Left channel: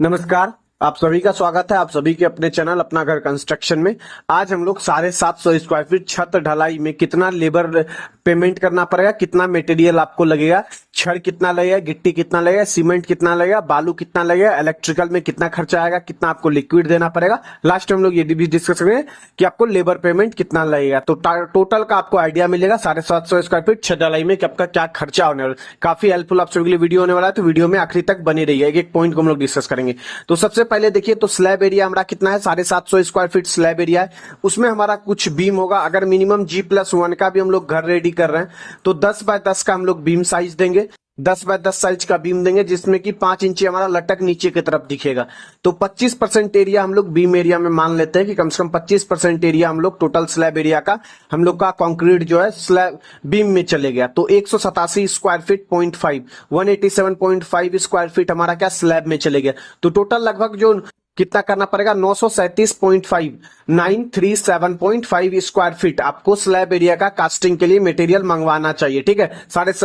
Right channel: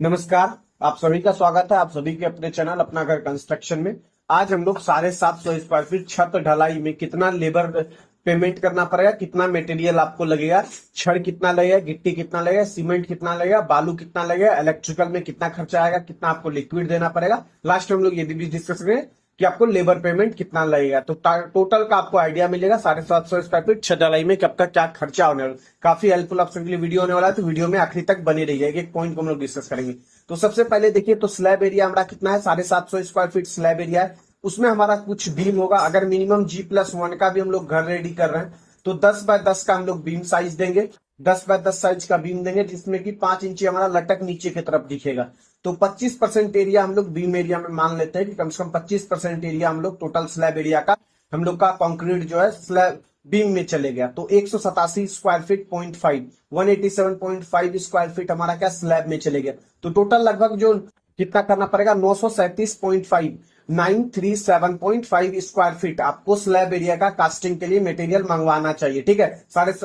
नमस्कार। आप सभी का स्वागत है आप सभी के अपने चैनल अपना घर कंस्ट्रक्शन में। आज हम लोग 750 स्क्वायर फीट छत ढलाई में कितना लेबर पेमेंट करना पड़ेगा, कितना मटेरियल आपको लगेगा, छड़ कितना लगेगा, गिट्टी कितना लगेगा, सीमेंट कितना लगेगा, बालू कितना लगेगा, इलेक्ट्रिकल में कितना खर्चा आएगा, कितना आपको लिक्विड देना पड़ेगा। लास्ट में हम लोग ये भी डिस्कस करेंगे कि आपको लेबर पेमेंट कितना लगेगा। तो टोटल का आपको आइडिया मिलेगा 750 स्क्वायर फीट छत ढलाई में कि आपका क्या खर्चा होने वाला है। काफी हेल्पफुल आप सभी के लिए वीडियो होने वाला है, तो वीडियो में आखिरी तक बने रहिए। एक एक पॉइंट को हम लोग डिस्कस करेंगे। तो सबसे पहले देखिए, तो स्लैब एरिया हमारा कितना है, 750 स्क्वायर फीट स्लैब एरिया है। उसमें हमारा कुछ बीम होगा। अगर मिनिमम G+1 का भी हम लोग घर रेडी कर रहे हैं तो 10x10 का हम लोग बीम साइज देंगे। 10x10 साइज का बीम देंगे जिसमें कि 5 इंची हमारा लटक नीचे की तरफ दिखेगा। तो 25% एरिया हम लोग बीम एरिया में मान लेते हैं कि कम से कम 25% एरिया हम लोग टोटल स्लैब एरिया का हम लोग का कंक्रीट जो है स्लैब बीम में चले गया। तो 187 स्क्वायर फीट 0.5 187.5 स्क्वायर फीट हमारा क्या स्लैब में चले गया। तो टोटल लगभग जो कितना करना पड़ेगा 937.5 937.5 स्क्वायर फीट आपको स्लैब एरिया का कास्टिंग के लिए मटेरियल मंगवाना चाहिए। ठीक है,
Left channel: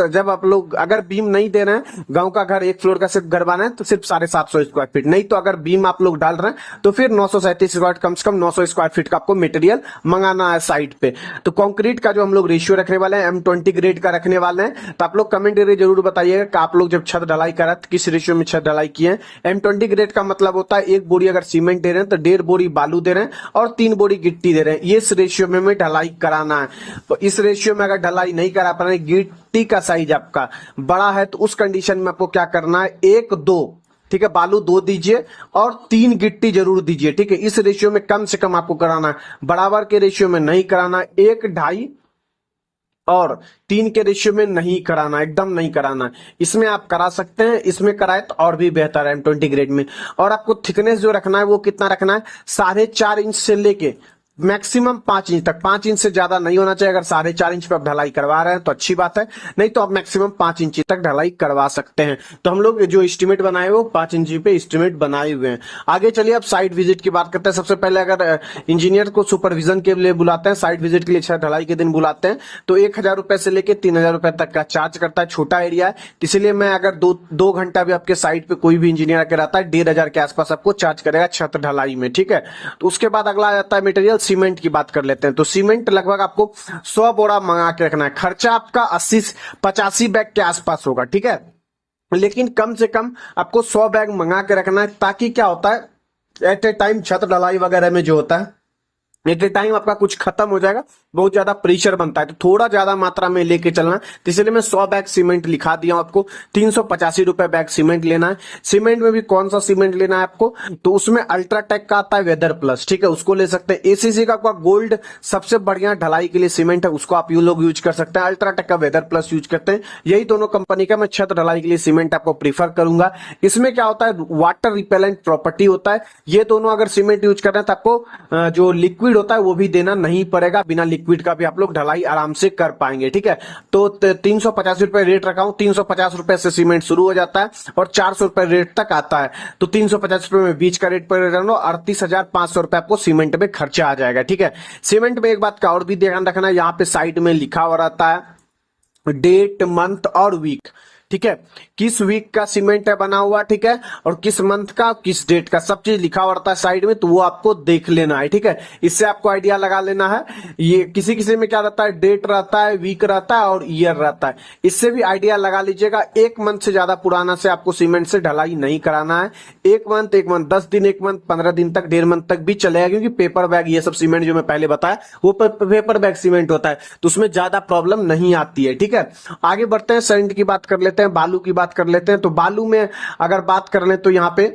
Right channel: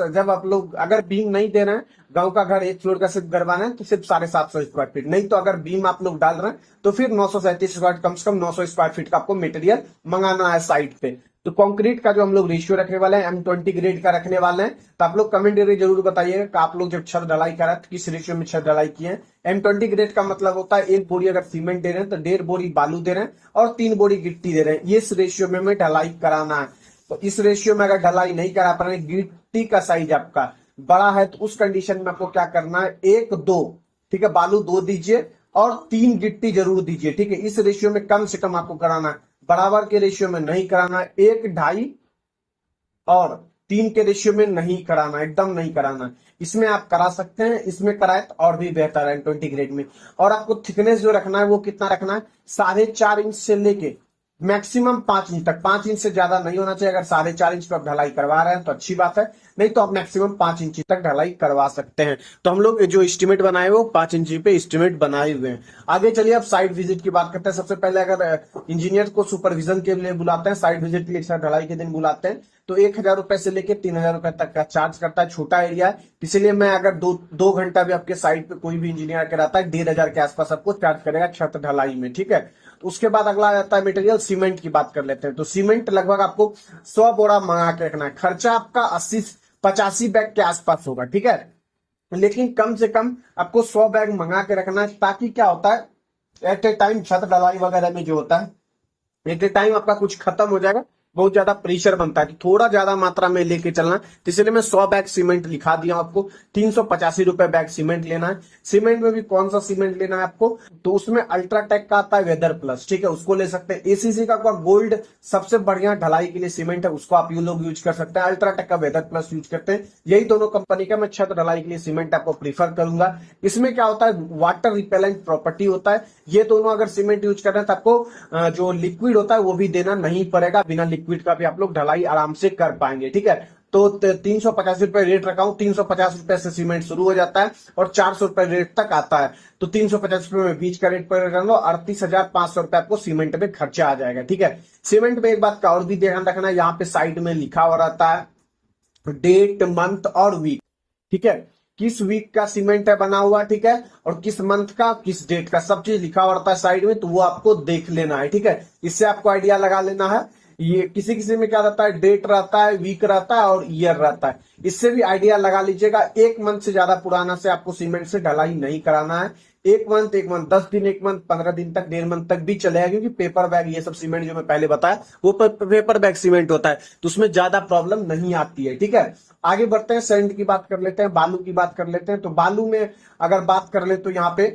जब आप लोग अगर बीम नहीं दे रहे हैं, गांव का घर एक फ्लोर का सिर्फ घर बना है तो सिर्फ 750 स्क्वायर फीट, नहीं तो अगर बीम आप लोग डाल रहे हैं तो फिर 937 स्क्वायर, कम से कम 900 स्क्वायर फीट का आपको मटेरियल मंगाना है साइट पे। तो कंक्रीट का जो हम लोग रेशियो रखने वाले हैं M20 ग्रेड का रखने वाले हैं। तो आप लोग कमेंट करके जरूर बताइएगा कि आप लोग जब छत ढलाई करा तो किस रेशियो में छत ढलाई किए हैं। M20 ग्रेड का मतलब होता है एक बोरी अगर सीमेंट दे रहे हैं तो 1.5 बोरी बालू दे रहे हैं और 3 बोरी गिट्टी दे रहे हैं। इस रेशियो में हमें ढलाई कराना है। तो इस रेशियो में अगर ढलाई नहीं करा पा रहे, गिट्टी का साइज आपका बड़ा है तो उस कंडीशन में आपको क्या करना है, 1 2, ठीक है, बालू 2 दीजिए और 3 गिट्टी जरूर दीजिए। ठीक है, इस रेशियो में कम से कम आपको कराना है, बराबर के रेशियो में नहीं कराना। 1 2.5 और 3 के रेशियो में नहीं कराना, एकदम नहीं कराना। इसमें आप करा सकते हैं, इसमें कराए तो और भी बेहतर है M20 ग्रेड में। और आपको थिकनेस जो रखना है वो कितना रखना है, 4.5 इंच से लेके मैक्सिमम 5 इंच तक। 5 इंच से ज्यादा नहीं होना चाहिए। अगर 4.5 इंच पे आप ढलाई करवा रहे हैं तो अच्छी बात है, नहीं तो आप मैक्सिमम 5 इंच तक ढलाई करवा सकते हैं। तो हम लोग जो एस्टिमेट बनाए वो 5 इंच पे एस्टिमेट बनाए हुए हैं। आगे चलिए अब साइट विजिट की बात करते हैं। सबसे पहले अगर इंजीनियर को सुपरविजन के लिए बुलाते हैं, साइट विजिट के लिए छत ढलाई के दिन बुलाते हैं, तो 1,000 रुपए से लेकर 3,000 रुपए तक का चार्ज करता है। छोटा एरिया है इसलिए मैं अगर दो घंटा भी आपके साइट पे कोई भी इंजीनियर आकर आता है 1,500 के आसपास आपको चार्ज करेगा छत ढलाई में। ठीक है, तो उसके बाद अगला आता है मटेरियल। सीमेंट की बात कर लेते हैं। तो सीमेंट लगभग आपको 100 बोरा मंगा के रखना है। खर्चा आपका 85 बैग के आसपास होगा। ठीक है, लेकिन कम से कम आपको 100 बैग मंगा के रखना है, ताकि क्या होता है एट ए टाइम छत ढलाई वगैरह में जो होता है एट ए टाइम आपका कुछ खत्म हो जाएगा, बहुत ज्यादा प्रेशर बनता है, तो थोड़ा ज्यादा मात्रा में लेके चलना। तो इसलिए मैं 100 बैग सीमेंट लिखा दिया हूं आपको। 385 रुपए बैग सीमेंट लेना है। सीमेंट में भी कौन सा सीमेंट लेना है आपको, तो उसमें अल्ट्राटेक का आता है वेदर प्लस। ठीक है, उसको ले सकते हैं। ACC का गोल्ड सबसे बढ़िया ढलाई के लिए सीमेंट है, उसको आप यू लोग यूज कर सकते हैं। अल्ट्राटेक का वेदर प्लस यूज करते हैं। यही दोनों कंपनी का मैं छत ढलाई के लिए सीमेंट आपको प्रीफर करूंगा। इसमें क्या होता है, वाटर रिपेलेंट प्रॉपर्टी होता है। ये दोनों अगर सीमेंट यूज कर रहे हैं तो आपको जो लिक्विड होता है वो भी देना नहीं पड़ेगा। बिना लिक्विड का भी आप लोग ढलाई आराम से कर पाएंगे। ठीक है, तो 385 रुपए रेट रखा हूं। 350 रुपए से सीमेंट शुरू हो जाता है और 400 रुपए रेट तक आता है। तो 350 रुपए में बीच का रेट पर रहना, 38,500 रुपए आपको सीमेंट में खर्चा आ जाएगा। ठीक है, सीमेंट में एक बात का और भी ध्यान रखना है, यहाँ पे साइड में लिखा हुआ रहता है डेट, मंथ और वीक। ठीक है, किस वीक का सीमेंट है बना हुआ, ठीक है, और किस मंथ का किस डेट का, सब चीज लिखा हुआ रहता है साइड में, तो वो आपको देख लेना है। ठीक है, इससे आपको आइडिया लगा लेना है। ये किसी किसी में क्या रहता है, डेट रहता है, वीक रहता है और ईयर रहता है। इससे भी आइडिया लगा लीजिएगा। 1 मंथ से ज्यादा पुराना से आपको सीमेंट से ढलाई नहीं कराना है। 1 मंथ 10 दिन, 1 मंथ 15 दिन तक, 1.5 मंथ तक भी चलेगा, क्योंकि पेपर बैग ये सब सीमेंट जो मैं पहले बताया वो पेपर बैग सीमेंट होता है, तो उसमें ज्यादा प्रॉब्लम नहीं आती है। ठीक है, आगे बढ़ते हैं, सैंड की बात कर लेते हैं, बालू की बात कर लेते हैं। तो बालू में अगर बात कर ले तो यहां पे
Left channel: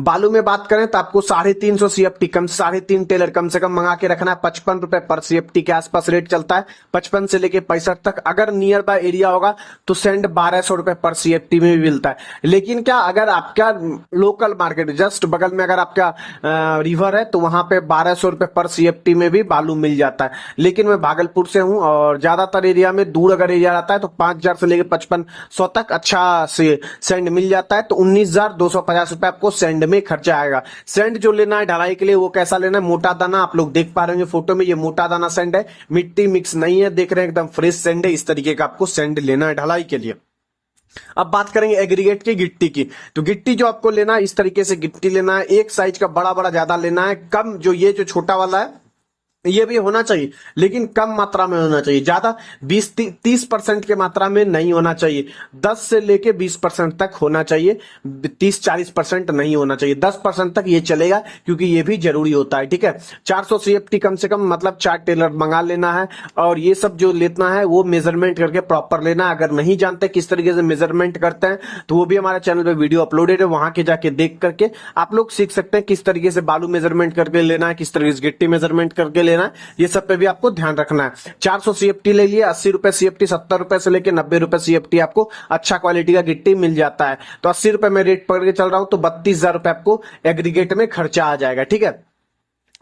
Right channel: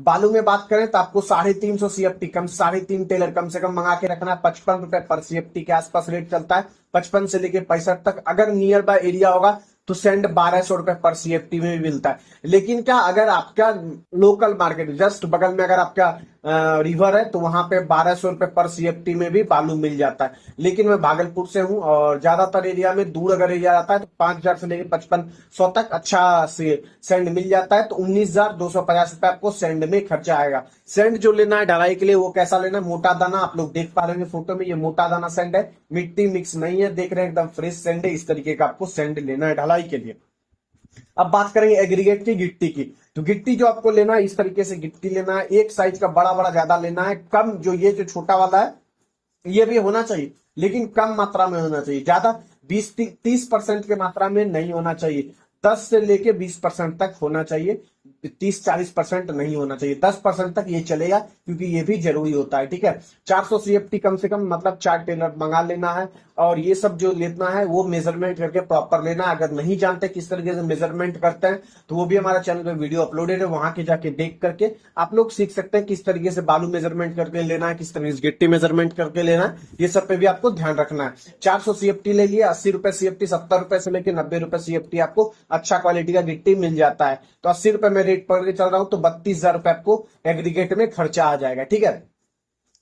बालू में बात करें तो आपको 350 CFT, कम 3.5 टेलर कम से कम मंगा के रखना है। 55 रुपए पर CFT के आसपास रेट चलता है, 55 से लेके 65 तक। अगर नियर बाय एरिया होगा तो सैंड 1200 रुपए पर CFT में भी मिलता है। लेकिन क्या, अगर आपका लोकल मार्केट जस्ट बगल में अगर आपका रिवर है तो वहां पे 1200 रुपए पर CFT में भी बालू मिल जाता है। लेकिन मैं भागलपुर से हूं और ज्यादातर एरिया में दूर अगर एरिया आता है तो 5,000 से लेके 5500 तक अच्छा से सैंड मिल जाता है। तो 19,250 रुपए आपको सैंड में खर्चा आएगा। सैंड जो लेना है ढलाई के लिए वो कैसा लेना है, मोटा दाना। आप लोग देख पा रहे होंगे फोटो में, ये मोटा दाना सैंड है, मिट्टी मिक्स नहीं है, देख रहे हैं एकदम फ्रेश सैंड है। इस तरीके का आपको सैंड लेना है ढलाई के लिए। अब बात करेंगे एग्रीगेट की गिट्टी की। तो गिट्टी जो आपको लेना है, इस तरीके से गिट्टी लेना है, एक साइज का बड़ा बड़ा ज्यादा लेना है, कम जो ये जो छोटा वाला है ये भी होना चाहिए, लेकिन कम मात्रा में होना चाहिए, ज्यादा 20-30% के मात्रा में नहीं होना चाहिए, 10 से लेके 20% तक होना चाहिए, 30-40% नहीं होना चाहिए, 10% तक ये चलेगा, क्योंकि ये भी जरूरी होता है। ठीक है, 400 CFT कम से कम, मतलब 4 टेलर मंगा लेना है, और ये सब जो लेना है वो मेजरमेंट करके प्रॉपर लेना है। अगर नहीं जानते किस तरीके से मेजरमेंट करते हैं तो वो भी हमारे चैनल पे वीडियो अपलोडेड है, वहां के जाके देख करके आप लोग सीख सकते हैं किस तरीके से बालू मेजरमेंट करके लेना है, किस तरीके से गिट्टी मेजरमेंट करके लेना है, ये सब पे भी आपको ध्यान रखना है। 400 CFT ले लिए, 80 रुपए CFT, 70 रुपए से लेके 90 रुपए CFT आपको अच्छा क्वालिटी का गिट्टी मिल जाता है। तो 80 रुपए में रेट पकड़ के चल रहा हूं, तो 32,000 रुपए आपको एग्रीगेट में खर्चा आ जाएगा। ठीक है,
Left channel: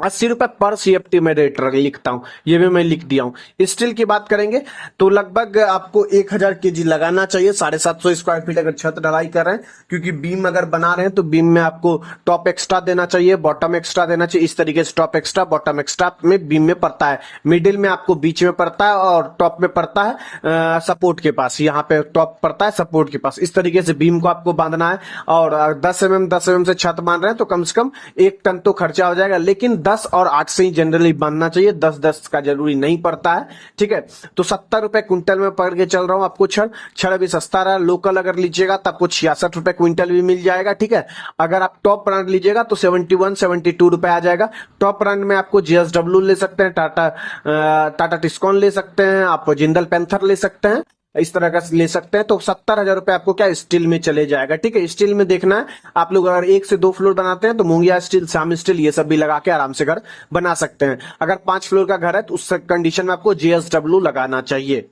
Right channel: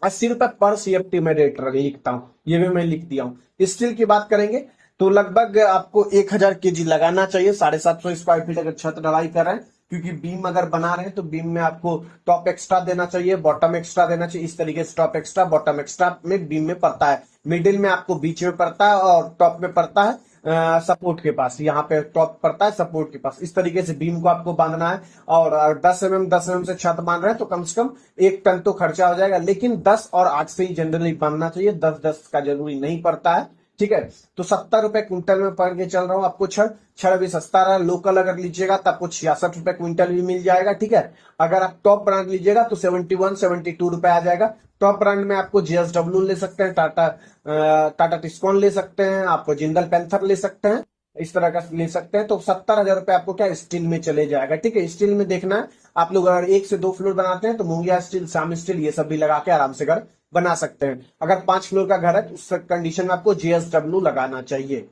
80 रुपए पर CFT में रेट लिखता हूं, ये भी मैं लिख दिया हूं। स्टील की बात करेंगे तो लगभग आपको 1000 kg लगाना चाहिए, 750 स्क्वायर फीट अगर छत ढलाई कर रहे हैं, क्योंकि बीम अगर बना रहे हैं तो बीम में आपको टॉप एक्स्ट्रा देना चाहिए, बॉटम एक्स्ट्रा देना चाहिए। इस तरीके से टॉप एक्स्ट्रा बॉटम एक्स्ट्रा में बीम में पड़ता है, मिडिल में आपको बीच में पड़ता है, और टॉप में पड़ता है सपोर्ट के पास, यहाँ पे टॉप पड़ता है सपोर्ट के पास। इस तरीके से बीम को आपको बांधना है, और 10 mm से छत बांध रहे हैं तो कम से कम 1 टन तो खर्चा हो जाएगा, लेकिन 10 और 8 से ही जनरली बनना चाहिए, 10-10 का जरूरी नहीं पड़ता है। ठीक है, तो 70 रुपए क्विंटल में पकड़ के चल रहा हूं आपको। छड़ भी सस्ता रहा, लोकल अगर लीजिएगा तो आपको 66 रुपए क्विंटल भी मिल जाएगा। ठीक है, अगर आप टॉप ब्रांड लीजिएगा तो 71-72 रुपए आ जाएगा। टॉप ब्रांड में आपको JSW ले सकते हैं, टाटा टिस्कॉन ले सकते हैं, आप जिंदल पैंथर ले सकते हैं, इस तरह का ले सकते हैं। तो 70,000 रुपए आपको क्या स्टील में चले जाएगा। ठीक है, स्टील में देखना है आप लोग, अगर 1 से 2 फ्लोर बनाते हैं तो मूंगिया स्टील, शाम स्टील, ये सब भी लगा के आराम से घर बना सकते हैं। अगर 5 फ्लोर का घर है तो उस कंडीशन में आपको JSW लगाना चाहिए।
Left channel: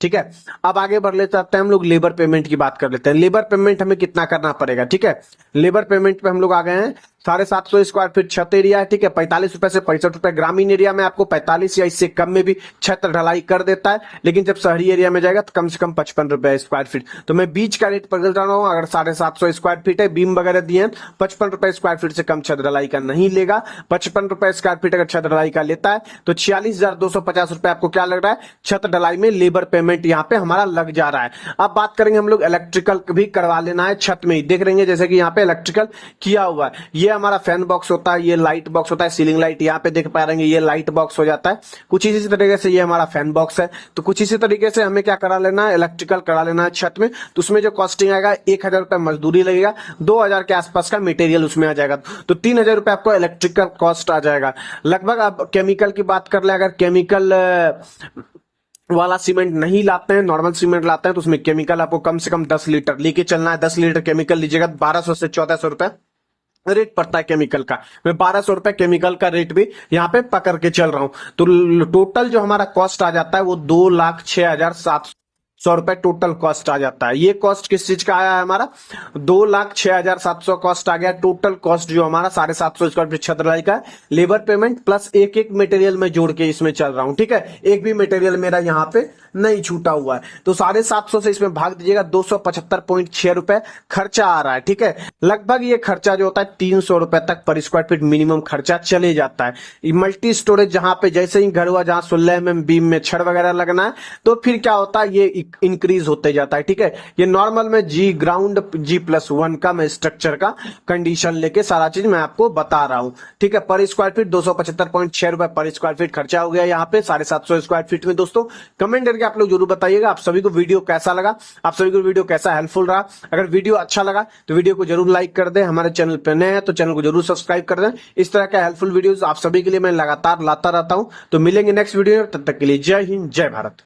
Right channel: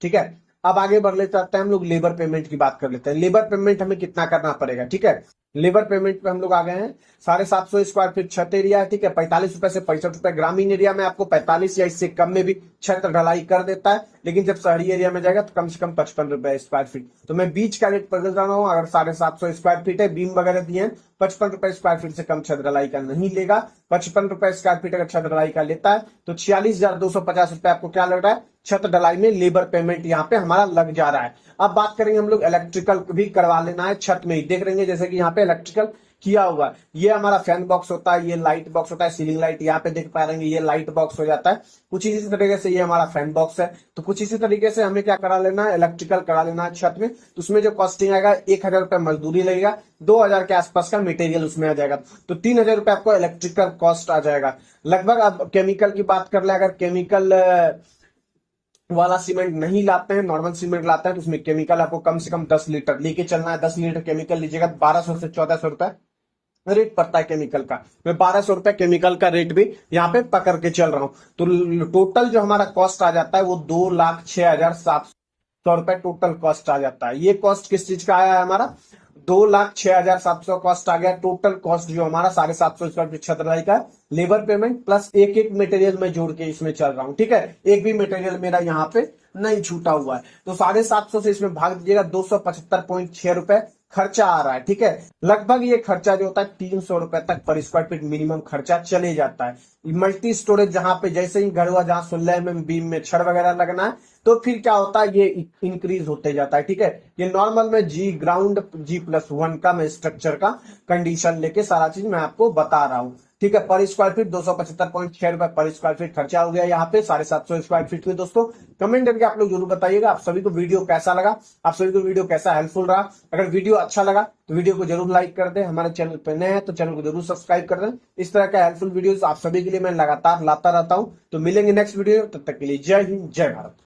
ठीक है, अब आगे बढ़ लेते हैं, हम लोग लेबर पेमेंट की बात कर लेते हैं। लेबर पेमेंट हमें कितना करना पड़ेगा। ठीक है, लेबर पेमेंट पे हम लोग आ गए हैं, 750 स्क्वायर फीट छत एरिया है। ठीक है, 45 रुपए से 65 रुपए। ग्रामीण एरिया में आपको 45 या इससे कम में भी छत ढलाई कर देता है, लेकिन जब शहरी एरिया में जाएगा तो कम से कम 55 रुपए स्क्वायर फीट। तो मैं बीच का रेट बदल रहा हूँ, अगर 750 स्क्वायर फीट है, बीम वगैरह दिए हैं, 55 रुपए स्क्वायर फीट से कम छत ढलाई का नहीं लेगा। 55 रुपए स्क्वायर फीट अगर छत ढलाई का लेता है तो 46,250 रुपए आपको क्या लग रहा है, छत ढलाई में लेबर पेमेंट यहाँ पे हमारा लग जा रहा है। अब बात करेंगे हम लोग इलेक्ट्रिकल भी करवा लेना है छत में ही, देख रहे हैं जैसे कि यहाँ पे इलेक्ट्रिकल किया हुआ है। ये हमारा फैन बॉक्स होता है, ये लाइट बॉक्स होता है, सीलिंग लाइट यहाँ पे देख पा रहे हैं, ये लाइट बॉक्स हो जाता है। कुछ इसी तरीके से ये हमारा फैन बॉक्स है। तो कुछ इसी तरीके से हमें क्या करा लेना है, इलेक्ट्रिकल करा लेना है छत में। तो उसमें जो कॉस्टिंग आएगा, 1000 रुपए मजदूरी लगेगा, 2000 के आसपास का मटेरियल उसमें आ जाएगा, तो 3000 रुपए आपको इलेक्ट्रिकल कॉस्ट आ जाएगा लगभग। अब केमिकल की बात कर ले, अगर केमिकल वाला सीमेंट नहीं लाते हैं, नॉर्मल सीमेंट लाते हैं, तो उसमें केमिकल आपको कम से कम 10 लीटर लेके चलना है। 10 लीटर केमिकल लीजिएगा, 1200 से 1400 रुपए रेट पड़ता है केमिकल का। मैं 1200 रुपए केमिकल का रेट भी यहाँ पे पकड़ के चल रहा हूं। तो टोटल जो हमारा कॉस्ट आ जाता है वो 2,06,700 रुपए टोटल कॉस्ट आ जाता है। ये कॉस्ट किस चीज का आया है हमारा, 2,06,700 कॉस्ट आ गया। टोटल कॉस्ट जो हमारा 750 स्क्वायर फीट छत ढलाई का, लेबर पेमेंट प्लस एक मटेरियल में जोड़ के इसमें चल रहा हूं। ठीक है, एक भी मटेरियल मेरा यहाँ पे नहीं छूटा हुआ है। तो 750 से इसमें भाग दीजिएगा, 275.6 रुपए खर्चा आ रहा है। ठीक है, लगभग ये खर्चा जो होता है 300 रुपए तक पर स्क्वायर फीट मिनिमम खर्चा चले जाता है। मल्टी स्टोरेज जहां पे जैसे ही घर हुआ, जहां 16 mm बीम में छड़ वगैरह लगना है, तो फिर क्या होता है, ये इंक्रीज होते जाता है। ठीक है, ये नॉर्मल में G ग्राउंड G+1 का मैं स्ट्रक्चर का कंडीशन लेके सारा चीज मैं आपको बता रहा हूं। ठीक है, पर स्क्वायर फीट 275.6 रुपए पर स्क्वायर फीट खर्चा हो गया यहाँ पे 750 स्क्वायर फीट में। दोस्तों कमेंट करके आप लोग जरूर बताइएगा आप सभी को वीडियो कैसा लगा, आप सभी को वीडियो कैसा हेल्पफुल रहा। अगर वीडियो अच्छा लगा तो वीडियो को जरूर लाइक कर दें, हमारे चैनल पे नए हैं तो चैनल को जरूर सब्सक्राइब कर दें। इस तरह का हेल्पफुल वीडियोस आप सभी के लिए मैं लगातार लाता रहता हूं। तो मिलेंगे नेक्स्ट वीडियो में, तब तक के लिए जय हिंद, जय भारत।